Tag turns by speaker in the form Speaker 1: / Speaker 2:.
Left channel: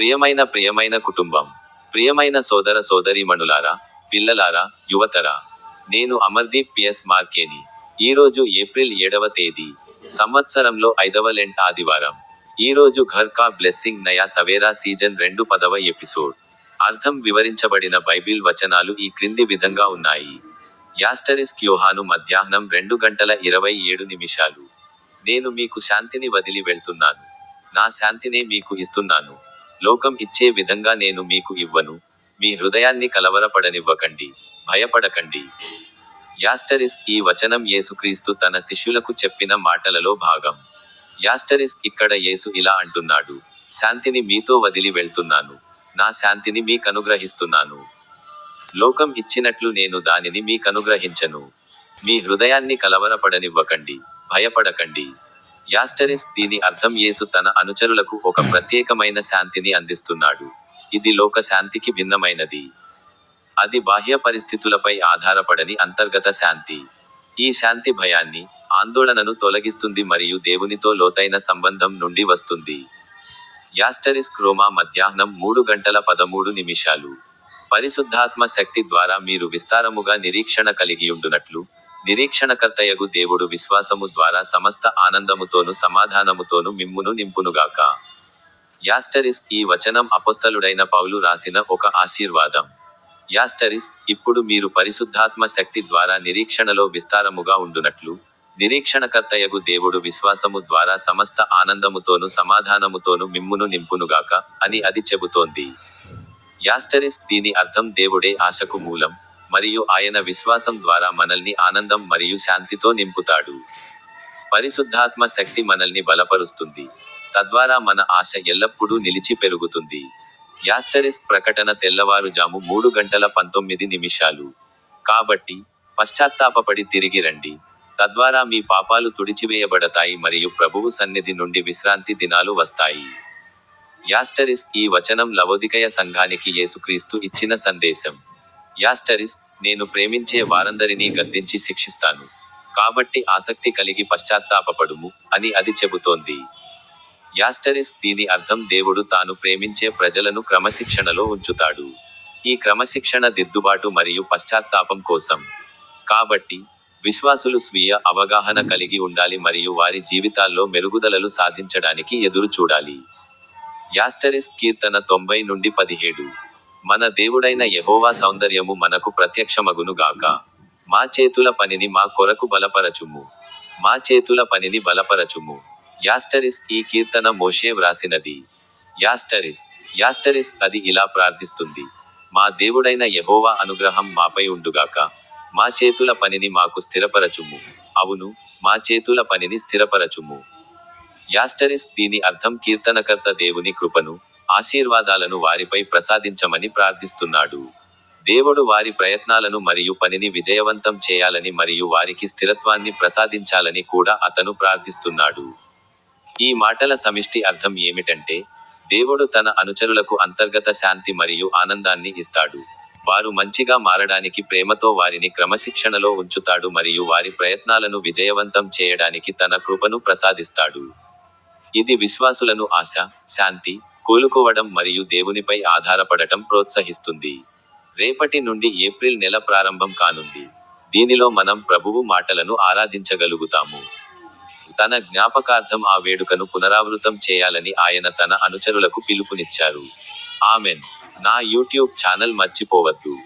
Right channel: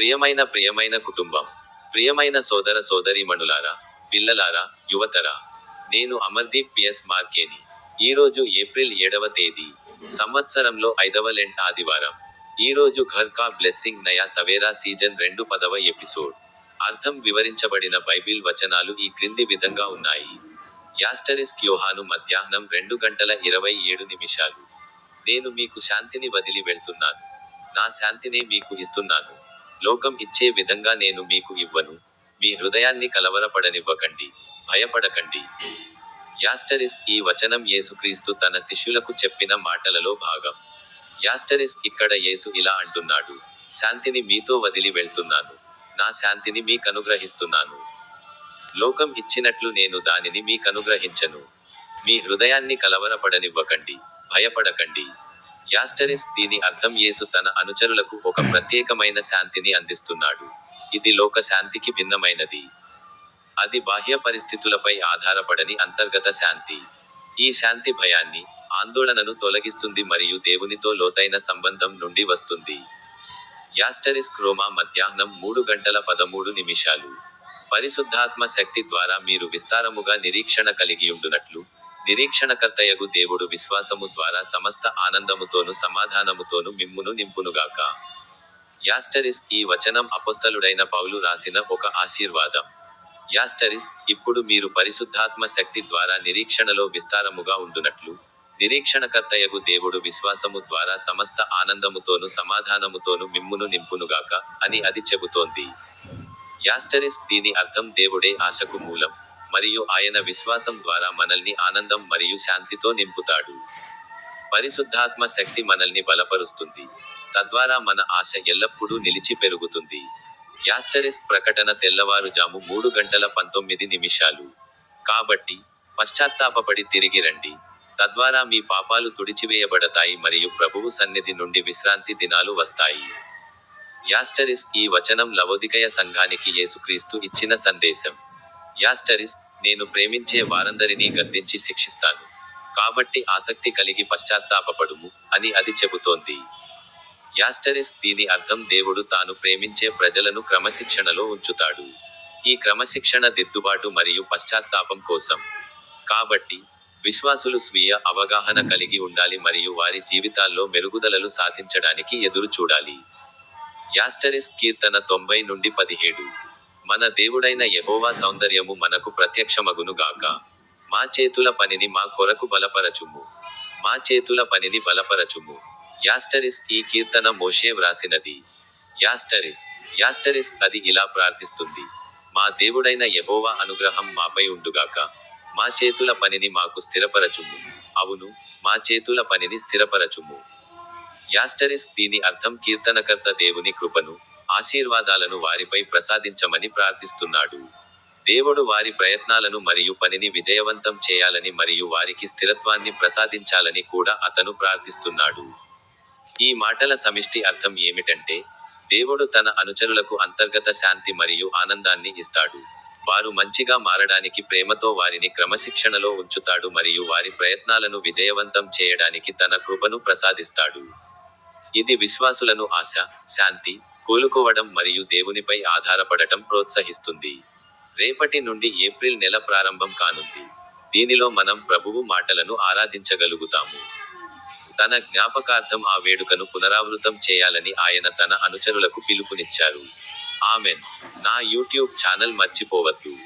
Speaker 1: ప్రియమైన ప్రియమైన కుటుంబం ప్రియమైన సోదర సోదరీమణులారా పిల్లలారా యువతరా నేను అమర్దీప్ పిఎస్ మార్కేని. ఈరోజు ఏప్రిల్ ఏడవ తేదీ సంవత్సరంలో ఐదవ లెంట్ ఆదివారం. ఈరోజు ఘర్ కా బ్లెస్సింగ్ నయా సవేరా సీజన్ రెండు పదవ ఎపిసోడ్. అర్థం వివరించబడిన బైబిల్ వచనాలు ఈ క్రింది విధంగా ఉన్నాయి. యాస్టరిస్క్ యోహాను మధ్యాహ్నం రెండు గంటల ఇరవై ఏడు నిమిషాలు. నేను మీకు శాంతిని వదిలి వెళ్తున్నాను. నా శాంతినే మీకు ఇస్తున్నాను. లోకం ఇచ్చే విధంగా నేను మీకు ఇవ్వను. మీ హృదయాన్ని కలవరపడనివ్వకండి. భయపడకండి. యాస్టరిస్ ఈ వచనం యేసుక్రీస్తు తన శిష్యులకు చెప్పిన మాటలలో భాగం. యాస్టరిస్ ఇక్కడ యేసు ఇలా అంటున్నాడు. శాంతిని మీతో వదిలి వెళ్తున్నాను. నా శాంతిని మీకనుగ్రహిస్తున్నాను లోకం ఇచ్చినట్లు నేను దానిని మీకనుగ్రహించను మీ హృదయాన్ని కలవరపడనివ్వకండి. భయపడకండి. యాస్టరిస్ దీని అర్థం యేసు తన అనుచరులకు ఒక ప్రత్యేకమైన శాంతిని అందిస్తున్నాడు. ఇది లోక శాంతికి భిన్నమైనది. అది బాహ్య పరిస్థితులపై ఆధారపడని అంతర్గత శాంతి. ఈ శాంతి భయాన్ని ఆందోళనను తొలగిస్తుంది మరియు దేవునితో లోతైన సంబంధం నుండి వస్తుంది. యాస్టరిస్ క్రోమా మధ్యాహ్నం మూడు గంటల పదమూడు నిమిషాలు. పరిశుద్ధాత్మ శక్తి ద్వారా మీరు విస్తారముగా నిరీక్షణ కలిగియుండునట్లు నిరీక్షణకర్తయగు దేవుడు విశ్వాసము ద్వారా సమస్త ఆనందముతోను సమాధానముతోను మిమ్మును నింపునుగాక. యాస్టరిస్ ఈ వచనం అపస్తలుడైన పౌలు రాసిన ఒక ఆశీర్వాదం. యాస్టరిస్ ఇప్పుడు మీరు పరిశుద్ధాత్మ శక్తి ద్వారా నిరీక్షణలో విస్తారముగా ఉండునట్లు నిరీక్షణకర్తయగు దేవుడు విశ్వాసము ద్వారా సమస్త ఆనందముతోను సమాధానముతోను మిమ్మును నింపునుగాక అని అది చెబుతోంది. యాస్టరిస్ దీని అర్థం దేవుడే ఆశకు మూలం. మరియు ఆయన విశ్వాసం ద్వారా మనల్ని ఆనందం మరియు శాంతితో నింపుతాడు. పరిశుద్ధాత్మ శక్తి మనల్ని బలపరుస్తుంది. తద్వారా మన ఆశ ఎల్లప్పుడూ నిలిచి పెరుగుతుంది. యాస్టరిస్ ప్రకటన తెల్లవారుజాము మూడు గంటల పంతొమ్మిది నిమిషాలు. కాబట్టి పశ్చాత్తాపపడి తిరిగి రండి. తద్వారా మీ పాపాలు తుడిచివేయబడతాయి మరియు ప్రభువు సన్నిధి నుండి విశ్రాంతి దినాలు వస్తాయి. యాస్టరిస్ ఈ వచనం లవోదికయ సంఘానికి యేసుక్రీస్తు ఇచ్చిన సందేశం. యాస్టరిస్ నేను ప్రేమించే వారందరినీ గద్దించి శిక్షిస్తాను. కాబట్టి ఆసక్తి కలిగి పశ్చాత్తాపపడుము అని అది చెబుతోంది. యాస్టరిస్ దీని అర్థం దేవుడు తాను ప్రేమించే ప్రజలను క్రమశిక్షణలో ఉంచుతాడు. ఈ క్రమశిక్షణ దిద్దుబాటు మరియు పశ్చాత్తాపం కోసం. కాబట్టి విశ్వాసులు స్వీయ అవగాహన కలిగి ఉండాలి మరియు వారి జీవితాల్లో మెరుగుదలలు సాధించడానికి ఎదురు చూడాలి యాస్టరిస్ కీర్తన తొంభై నుండి పదిహేడు. మన దేవుడైన యహోవా సౌందర్యము మనకు ప్రత్యక్షమగును గాక. మా చేతుల పనిని మా కొరకు బలపరచుము. మా చేతుల పనిని బలపరచుము. యాస్టరిస్ ఈ కీర్తన మోషే వ్రాసినది. యాస్టరిస్ యాస్టరిస్ అది ఇలా ప్రార్థిస్తుంది. మా దేవుడైన యహోవా అనుగ్రహం మాపై ఉండుగాక. మా చేతుల పనిని మాకు స్థిరపరచుము. అవును మా చేతుల పనిని స్థిరపరచుము. యాస్టరిస్ దీని అర్థం కీర్తనకర్త దేవుని కృపను ఆశీర్వాదాలను వారిపై ప్రసాదించమని ప్రార్థిస్తున్నాడు. దేవుడు వారి ప్రయత్నాలను మరియు పనిని విజయవంతం చేయాలని మరియు వారికి స్థిరత్వాన్ని ప్రసాదించాలని కూడా అతను ప్రార్థిస్తున్నాడు. ఈ మాటల సమిష్టి అర్థం ఏమిటంటే దేవుడు తన అనుచరులకు అంతర్గత శాంతి మరియు ఆనందాన్ని ఇస్తాడు. వారు మంచిగా మారడానికి ప్రేమతో వారిని క్రమశిక్షణలో ఉంచుతాడు మరియు వారి ప్రయత్నాలను విజయవంతం చేయడానికి తన కృపను ప్రసాదిస్తాడు. ఇది విశ్వాసులను ఆశ శాంతి కోలుకోవడం మరియు దేవునిపై ఆధారపడటం ప్రోత్సహిస్తుంది. రేపటి నుండి ఏప్రిల్ నెల ప్రారంభం కానుంది. దీనిలో మనం ప్రభువు మాటలను ఆరాధించగలుగుతాము. తన జ్ఞాపకార్థం ఆ వేడుకను పునరావృతం చేయాలని ఆయన తన అనుచరులకు పిలుపునిచ్చారు. ఆమెన్. నా యూట్యూబ్ ఛానల్ మర్చిపోవద్దు.